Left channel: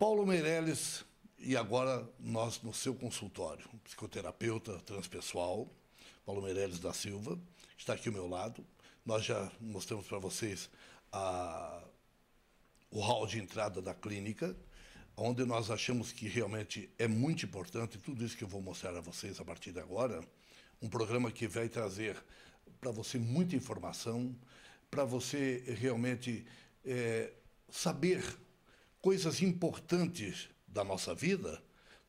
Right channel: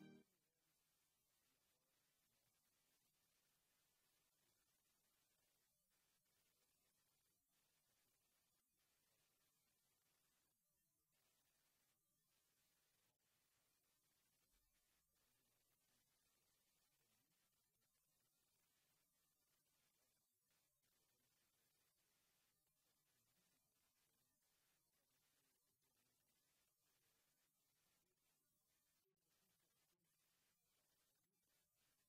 Paulo Meirelles, e agora nós no seu consultório, psicoterapeuta transpessoal, Paulo Meirelles da Silva, está aqui ao meu lado. Nós já mostramos para vocês o hall de entrada da clínica, onde nós achamos que realmente é muito importante tudo isso que eu vou mostrar a vocês a partir de agora, um programa que vai trazer para você muita informação, para você realmente saber coisas importantes da nossa vida,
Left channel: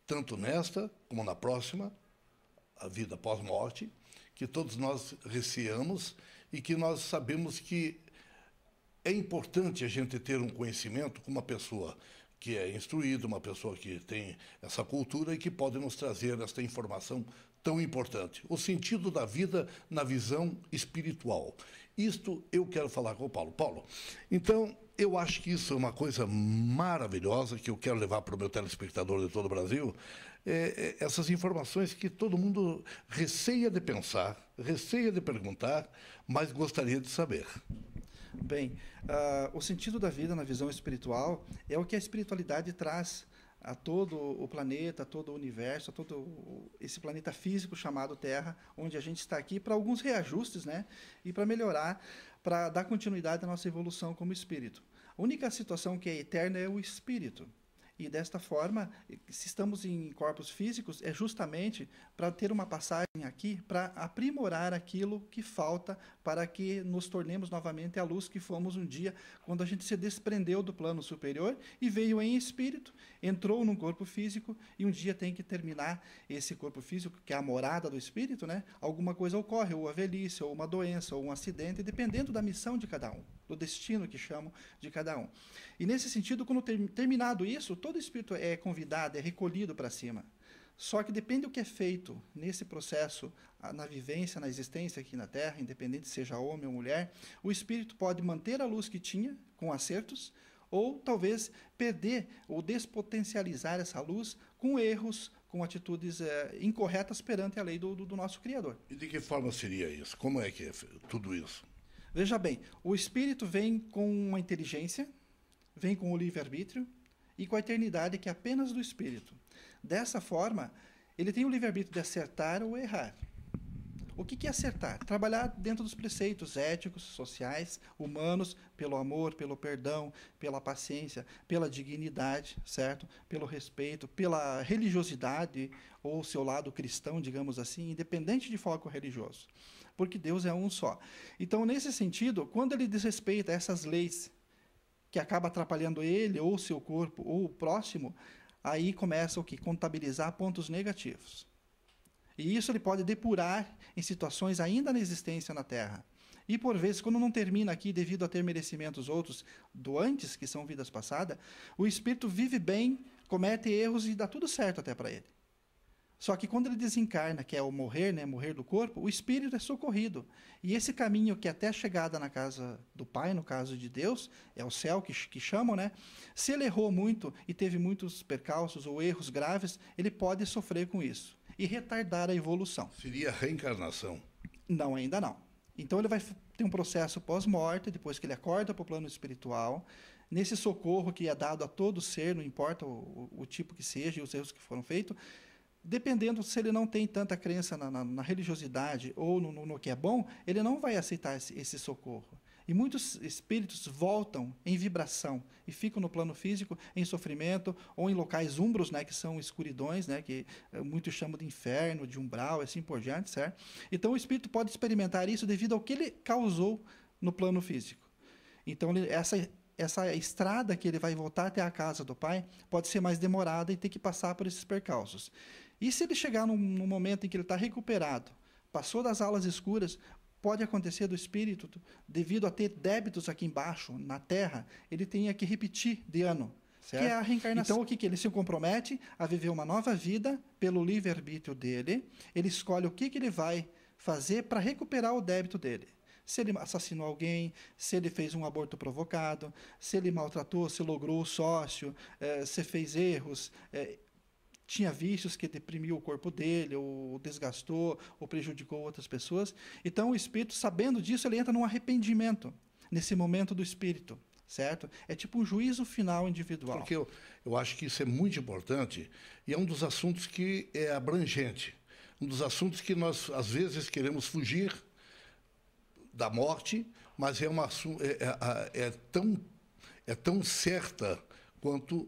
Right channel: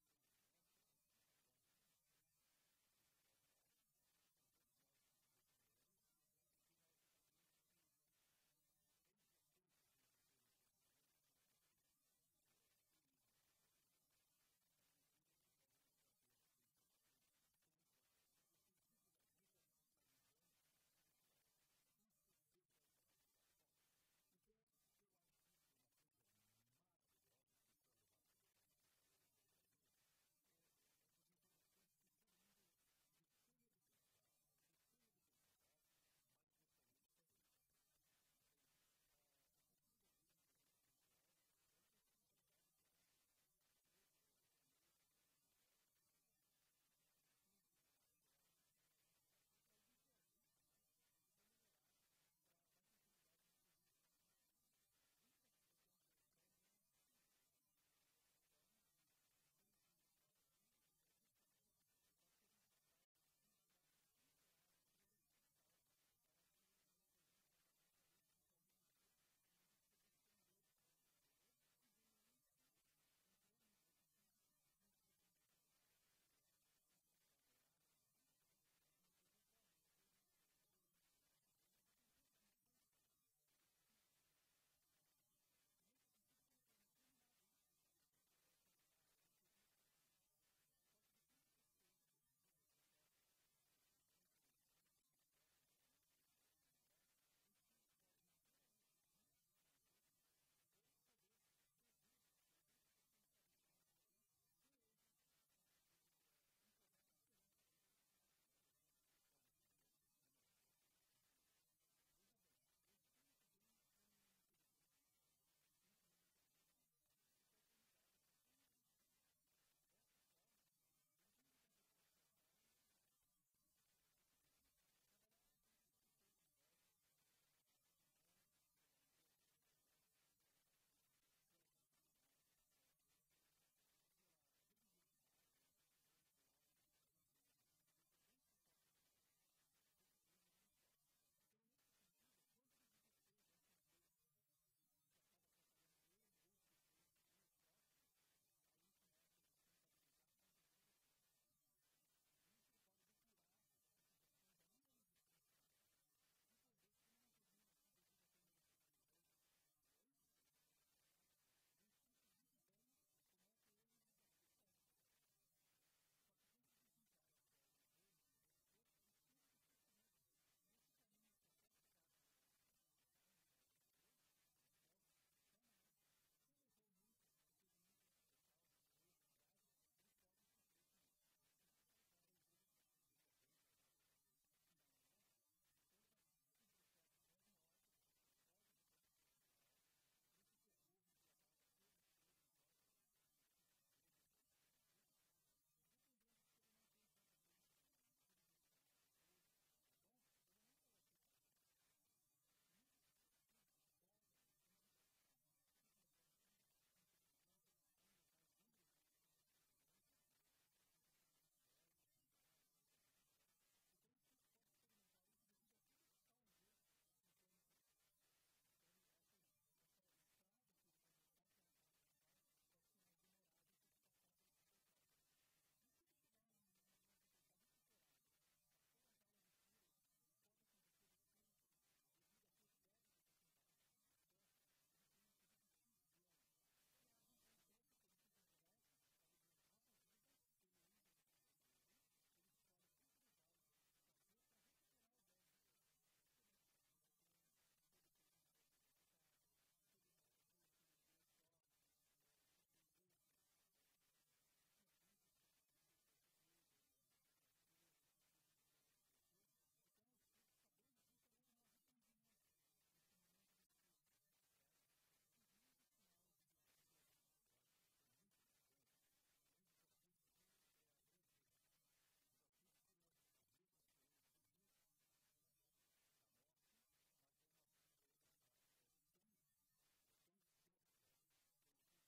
tanto nesta como na próxima, a vida pós-morte, que todos nós receamos e que nós sabemos que é importante a gente ter um conhecimento com uma pessoa que é instruída, uma pessoa que tem essa cultura e que pode nos trazer esta informação tão importante. O sentido da vida na visão espiritual. Isto eu quero falar com o Paulo. Paulo, então, eu acho que isso é uma coisa maravilhosa que eu quero levar para o meu telespectador de todo o Brasil. Essas informações que todo mundo receia de pensar, receia de perguntar, mas gostaria de saber. Bem, o sentido da vida na visão espiritual é o que a espiritualidade traz a todo o planeta, a todo o universo, a todo esse planeta físico chamado Terra, onde a gente está aqui para alguns reajustes, né? E para melhorar, para dar continuidade à nossa evolução como espírito. A única situação que é eterna é o espírito. E desta forma, se estamos em corpos físicos, é justamente para ter uma passagem aqui, para aprimorar aquilo que falta, para que nos tornemos novamente a luz que fomos um dia, quando a gente se desprendeu do plano superior e veio em espírito, entrou num corpo físico e um dia tem que terminar esse corpo físico, que é a morada do espírito, né? Alguma coisa ocorre, ou a velhice, ou uma doença, ou um acidente, dependendo da missão de cada um, do destino que chamam de cada um. E nesse sentido, quando terminado isso, todo espírito é convidado, é recolhido para cima. Só que depende do que é feito nesse processo, na vivência, na existência aqui na Terra, independente seja homem ou mulher, o espírito pode manter a luz que tinha, com acertos, ou talvez perder ou despotencializar essa luz com erros, com atitudes incorretas perante a lei do nosso Criador. E de que forma seria isso? Como é que é tudo isso? Veja bem, o espírito vem com uma inteligência, vem com o livre-arbítrio, e com a eternidade que é apenas do espírito. Dessa forma, ele tem o livre-arbítrio de acertar ou errar. O que é acertar? Trabalhar dentro dos preceitos éticos, sociais, humanos, pelo amor, pelo perdão, pela paciência, pela dignidade, certo? Pelo respeito, pela religiosidade ou seu lado cristão, digamos assim, independente de foco religioso. Porque Deus é um só. Então, nesse sentido, quando ele desrespeita essas leis que acaba atrapalhando ele, ou o seu corpo, ou o próximo, aí começa o que? Contabilizar pontos negativos. E isso ele pode depurar em situações ainda na existência na Terra. E por vezes, quando não termina aqui, devido a ter merecimentos outros do antes, que são vidas passadas, o espírito vive bem, comete erros e dá tudo certo até para ele. Só que quando ele desencarna, que é o morrer, né, morrer do corpo, o espírito é socorrido. E esse caminho que até a chegada na casa do Pai, no caso de Deus, é o céu que chamam, né? Se ele errou muito e teve muitos percalços ou erros graves, ele pode sofrer com isso e retardar a evolução. Seria reencarnação? Não, ainda não. Então ele vai ter um processo pós-morte, depois que ele acorda para o plano espiritual, nesse socorro que é dado a todo ser, não importa o tipo que seja e os erros que foram feitos, dependendo se ele não tem tanta crença na religiosidade ou no que é bom, ele não vai aceitar esse socorro. E muitos espíritos voltam em vibração e ficam no plano físico em sofrimento ou em locais umbros, né, que são escuridões, né, que muitos chamam de inferno, de umbral, assim por diante, certo? Então o espírito pode experimentar isso devido ao que ele causou no plano físico. Então essa estrada que ele vai voltar até a casa do Pai pode ser mais demorada e ter que passar por esses percalços. E se ele chegar num momento em que ele está recuperado, passou das alas escuras, pode acontecer do espírito, devido a ter débitos aqui embaixo, na Terra, ele tenha que repetir de ano, certo? Que é a reencarnação. Então o que ele se compromete a viver uma nova vida pelo livre-arbítrio dele, ele escolhe o que ele vai fazer para recuperar o débito dele. Se ele assassinou alguém, se ele fez um aborto provocado, se ele maltratou, se logrou o sócio, se fez erros, tinha vícios que deprimiu o corpo dele, ou desgastou, ou prejudicou outras pessoas. Então o espírito, sabendo disso, ele entra num arrependimento, nesse momento do espírito, certo? É tipo um juízo final individual. Porque eu acho que isso é muito importante e é um dos assuntos que é abrangente. Um dos assuntos que nós, às vezes, queremos fugir da morte, mas é tão certa quanto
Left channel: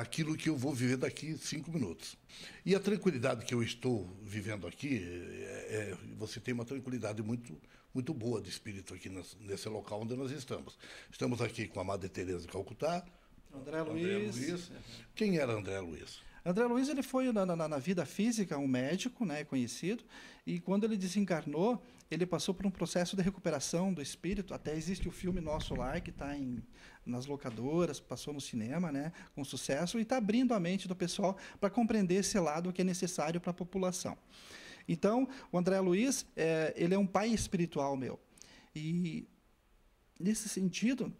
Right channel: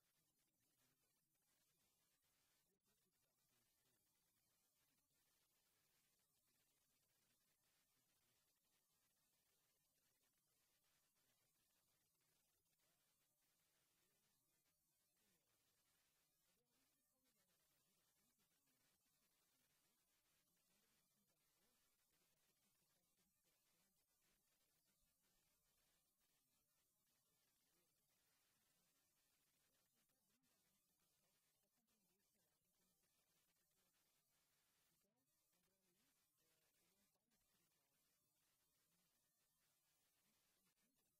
aquilo que eu vou viver daqui 5 minutos. E a tranquilidade que eu estou vivendo aqui, você tem uma tranquilidade muito boa de espírito aqui nesse local onde nós estamos. Estamos aqui com a Madre Teresa de Calcutá, André Luiz. Quem era André Luiz? André Luiz, ele foi na vida física um médico, né, conhecido, e quando ele desencarnou, ele passou por um processo de recuperação do espírito. Até existe o filme Nosso Lar, que está nas locadoras, passou no cinema, né, com sucesso, e está abrindo a mente do pessoal para compreender esse lado que é necessário para a população. Então, o André Luiz, ele é um pai espiritual meu. E, nesse sentido,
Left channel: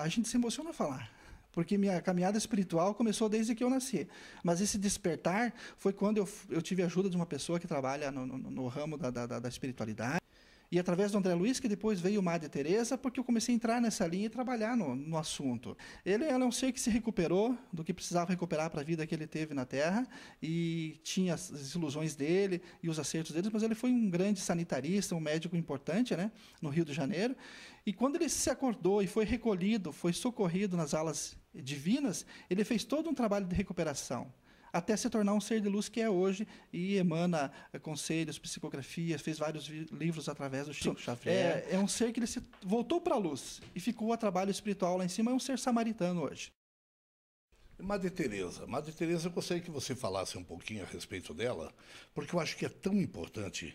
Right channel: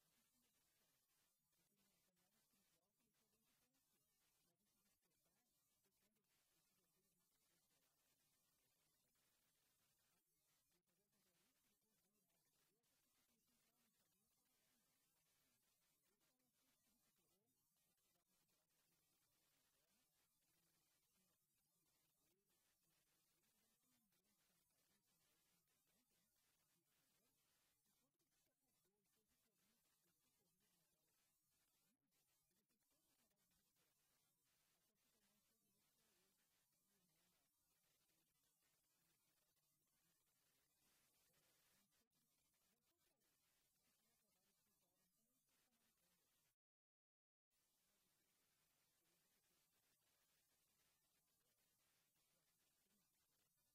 a gente se emociona a falar, porque minha caminhada espiritual começou desde que eu nasci. Mas esse despertar foi quando eu tive a ajuda de uma pessoa que trabalha no ramo da espiritualidade. E através do André Luiz, que depois veio o Madre Teresa, porque eu comecei a entrar nessa linha e trabalhar no assunto. Ele é um ser que se recuperou do que precisava recuperar para a vida que ele teve na Terra, e tinha as ilusões dele e os acertos dele, mas ele foi um grande sanitarista, um médico importante, né, no Rio de Janeiro. E quando ele se acordou e foi recolhido, foi socorrido nas alas divinas, ele fez todo um trabalho de recuperação, até se tornar um ser de luz que é hoje, e emana conselhos, psicografias, fez vários livros através do Chico Xavier. É um ser que ele voltou para a luz e ficou a trabalho espiritual lá em cima, é um ser samaritano hoje. Madre Teresa, eu gostaria que você falasse um pouquinho a respeito dela, porque eu acho que é tão importante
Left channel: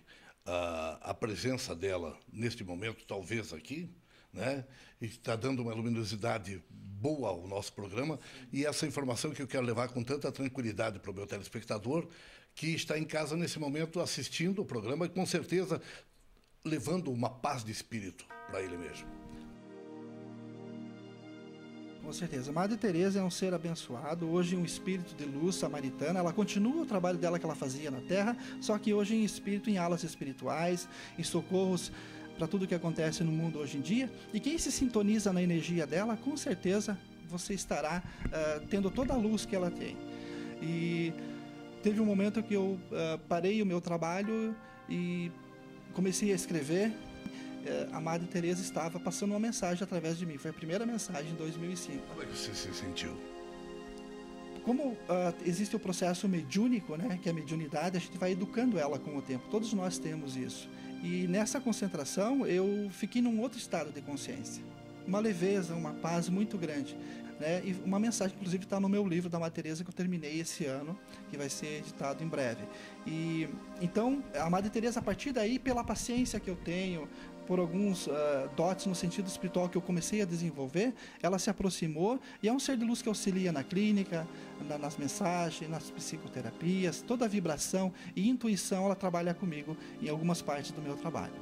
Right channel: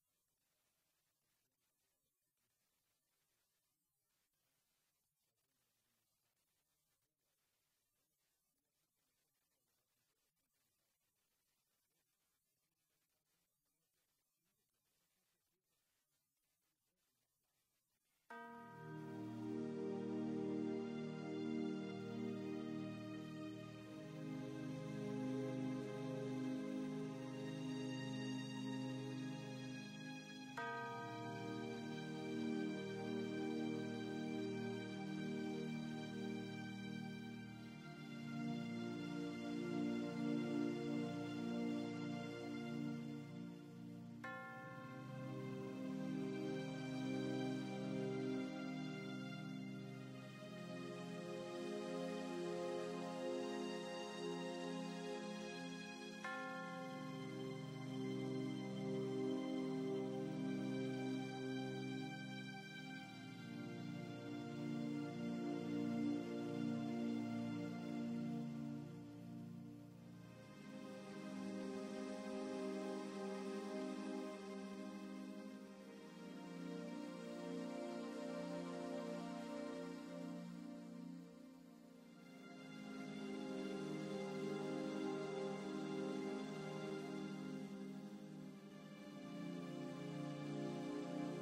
a presença dela neste momento, talvez aqui, né? E está dando uma luminosidade boa ao nosso programa, e essa informação que eu quero levar com tanta tranquilidade para o meu telespectador, que está em casa nesse momento assistindo o programa e com certeza levando uma paz de espírito para ele mesmo. Com certeza. Madre Teresa é um ser abençoado, hoje um espírito de luz samaritana. Ela continua o trabalho dela que ela fazia na Terra, só que hoje em espírito, em alas espirituais, em socorros para tudo que acontece no mundo hoje em dia. E quem se sintoniza na energia dela, com certeza você estará tendo toda a luz que ela tem. E teve um momento que eu parei o meu trabalho e comecei a escrever. A Madre Teresa estava passando uma mensagem através de mim. Foi a primeira mensagem em 2005. Como é que você se sentiu? Como existe o processo mediúnico, né, que é a mediunidade, a gente vai educando ela com o tempo. Todos nós temos isso. E nessa concentração, eu fiquei num outro estado de consciência. Uma leveza, uma paz muito grande. Né? E uma mensagem, inclusive, está no meu livro da Madre Teresa, que eu terminei esse ano, que vai ser editado em breve. E então, a Madre Teresa, a partir daí, pela paciência que eu tenho, por alguns dotes no sentido espiritual que eu comecei a desenvolver, ela se aproximou e é um ser de luz que auxilia na clínica, nas mensagens, nas psicoterapias, toda a vibração e intuição ela trabalha comigo em algumas partes do meu trabalho.